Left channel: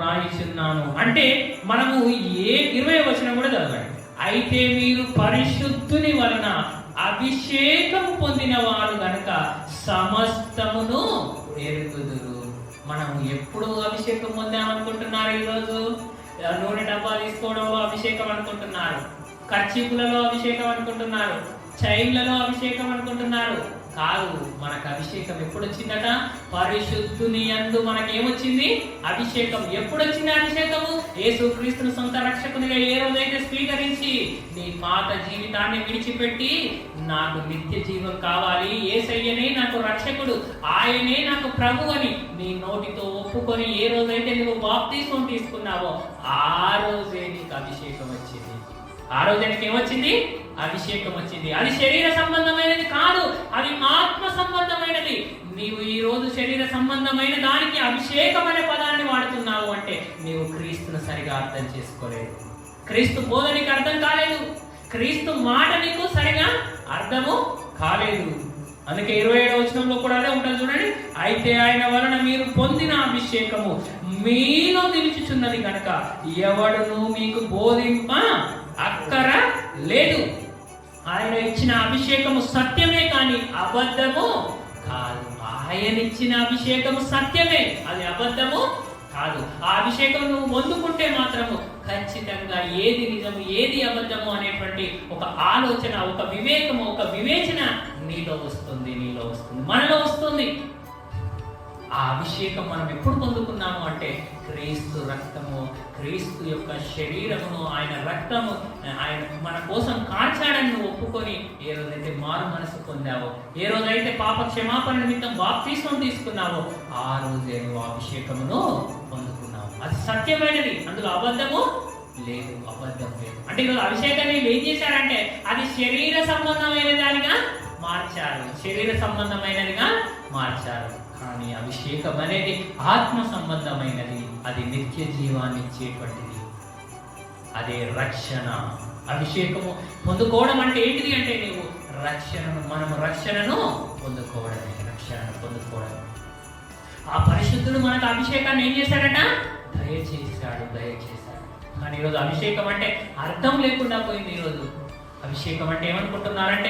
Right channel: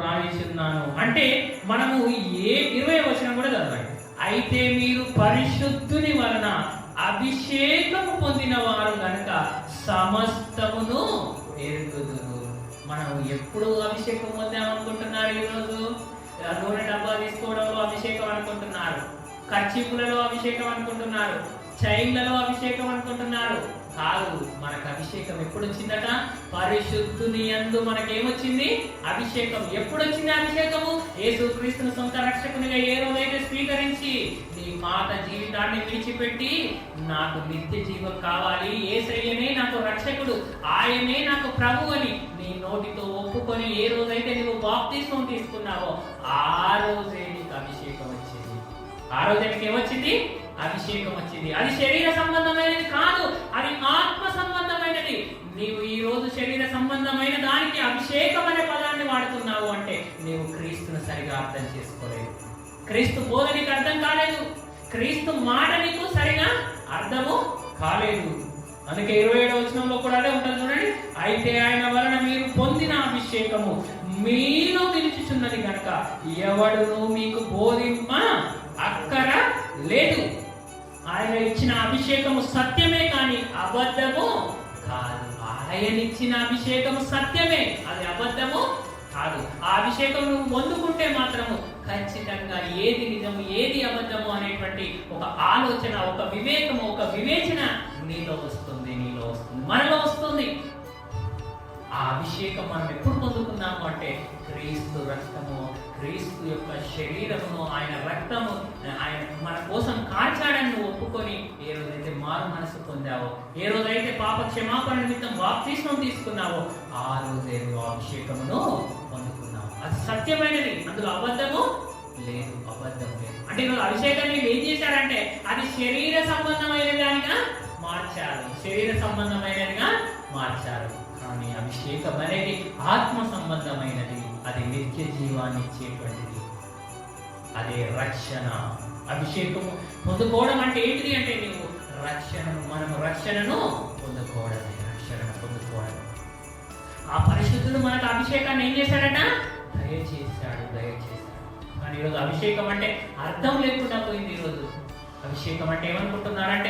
రాయిచున్నాను. అంటే మనము ఏ ఇరవై వచనం కూడా చదవండి అయితే మీరు పరిశుద్ధుని వలన అభిషేకము పొందిన వారు గనక సమస్తమును ఎరుగుదురు. మనం ఎప్పుడు అభిషేకం పొందామనుకుంటున్నారు ఈరోజు? నూనె డబ్బా తీసుకోవడంలో అభిషేకం అనుకుంటున్నారు. కచ్చిపులలో అభిషేకం అనుకుంటున్నారు. చైన్లలో అభిషేకం అనుకుంటున్నారు. కాదు మనకు అభిషేకం ఎప్పుడు వచ్చిందట పరిశుద్ధుని అందు మనకి ఏమొచ్చింది అభిషేకం. ఎప్పుడు వచ్చింది అభిషేకము? యేసు క్రీస్తును సొంత రక్షకునిగా ఏ రోజైతే స్వీకరించి నీ పాత జీవితాన్ని విడిచిపెట్టి నాకు నిత్య జీవం కావాలి. ఏసయ్యనే నాకు రక్షకుడు. ఆయనే నాకు ప్రభు అని నీ నోటితో ఒప్పుకొని ఏ రోజైతే నువ్వు బాప్తీసం తీసుకున్నావో ఆ రోజే నీకు అభిషేకం వచ్చింది. ఆ రోజు ఏమొచ్చింది అభిషేకం వచ్చింది అది శరీర సంబంధమైనది కాదు అది ఆత్మ సంబంధమైనది. నీవు ఈ రోజు శరీర సంబంధమైన దానికి అభిషేకం అనే పదాన్ని వాడుతున్నావు అంటే నీవు క్రీస్తును సరిగా అర్థం చేసుకోలేదు. క్రీస్తు బోధ నీకు అర్థం కాలేదు. క్రీస్తు మాట నీకు సరిగా అర్థము కాలేదు. అందుకే ఇరవై ఏడవ వచనంలో కూడా అదే ఉంటుంది చూడండి. అయితే ఆయన వలన మీరు పొందిన అభిషేకము మీలో నిలుచుచున్నది కనుక ఎవడును మీకు బోధింప అక్కర లేదు. ఆయన ఇచ్చిన అభిషేకము సత్యమే కానీ అబద్ధము కాదు. ఆయన ఇచ్చిన అభిషేకము సత్యమే అది అబద్ధము కాదు. ఆ అభిషేకం నువ్వు పొందుకుంటే మాత్రము ఖచ్చితంగా ఏది నిజము ఏది అబద్ధము అనేటువంటి ఒక ఆలోచన ఒక వివేకము ఒక వివేచన నీలో వస్తుంది నీలో వస్తుంది మనలో వస్తుంది. ఆ అభిషేకం మనం ఎప్పుడు పొందుకున్నాము అంటే క్రీస్తు రక్తము క్రీస్తు యొక్క శరీరమును ఆయన రక్తము ఆయన మన కోసం కాచాడని నువ్వు ఒప్పుకొని ఏ రోజైతే మారు మనసు పొందావో ఏ రోజైతే పాప క్షమాపణ నిమిత్తం బాప్తీసం తీసుకున్నావో ఆ రోజే నువ్వు అభిషేకమును పొందుకున్నావు. అది సత్యమైనది. అందులో అబద్ధము లేదు. అబద్ధం లేదు. అంటే ఇవాళ అభిషేకాన్ని ఏం చేశారంటే అది శరీర సంబంధమైన దానిగా మార్చారు. శరీర సంబంధమైనదిగా మార్చారు. కానీ అభిషేకం అనేది ఆత్మ సంబంధమైనది. అది నిత్య జీవాన్ని చేపట్టింది అదే రక్షణ అభిషేకము. పొందుకోవడం అంటే ఏంటిది అంటే నీవు రక్షణను మనము రక్షణను పొందుకోవడమే రక్షణను పొందుకోవడం ఆ పరిశుద్ధుడు మనకు అభిషేకాన్ని ఏం చేశాడట? దయచేశాడు దయచేశాడు. కానీ ఈరోజు అభిషేకం అంటే అర్థం లేకుండా పోయింది ఈరోజు. అభిషేకం అంటే ఏమనుకుంటున్నారంటే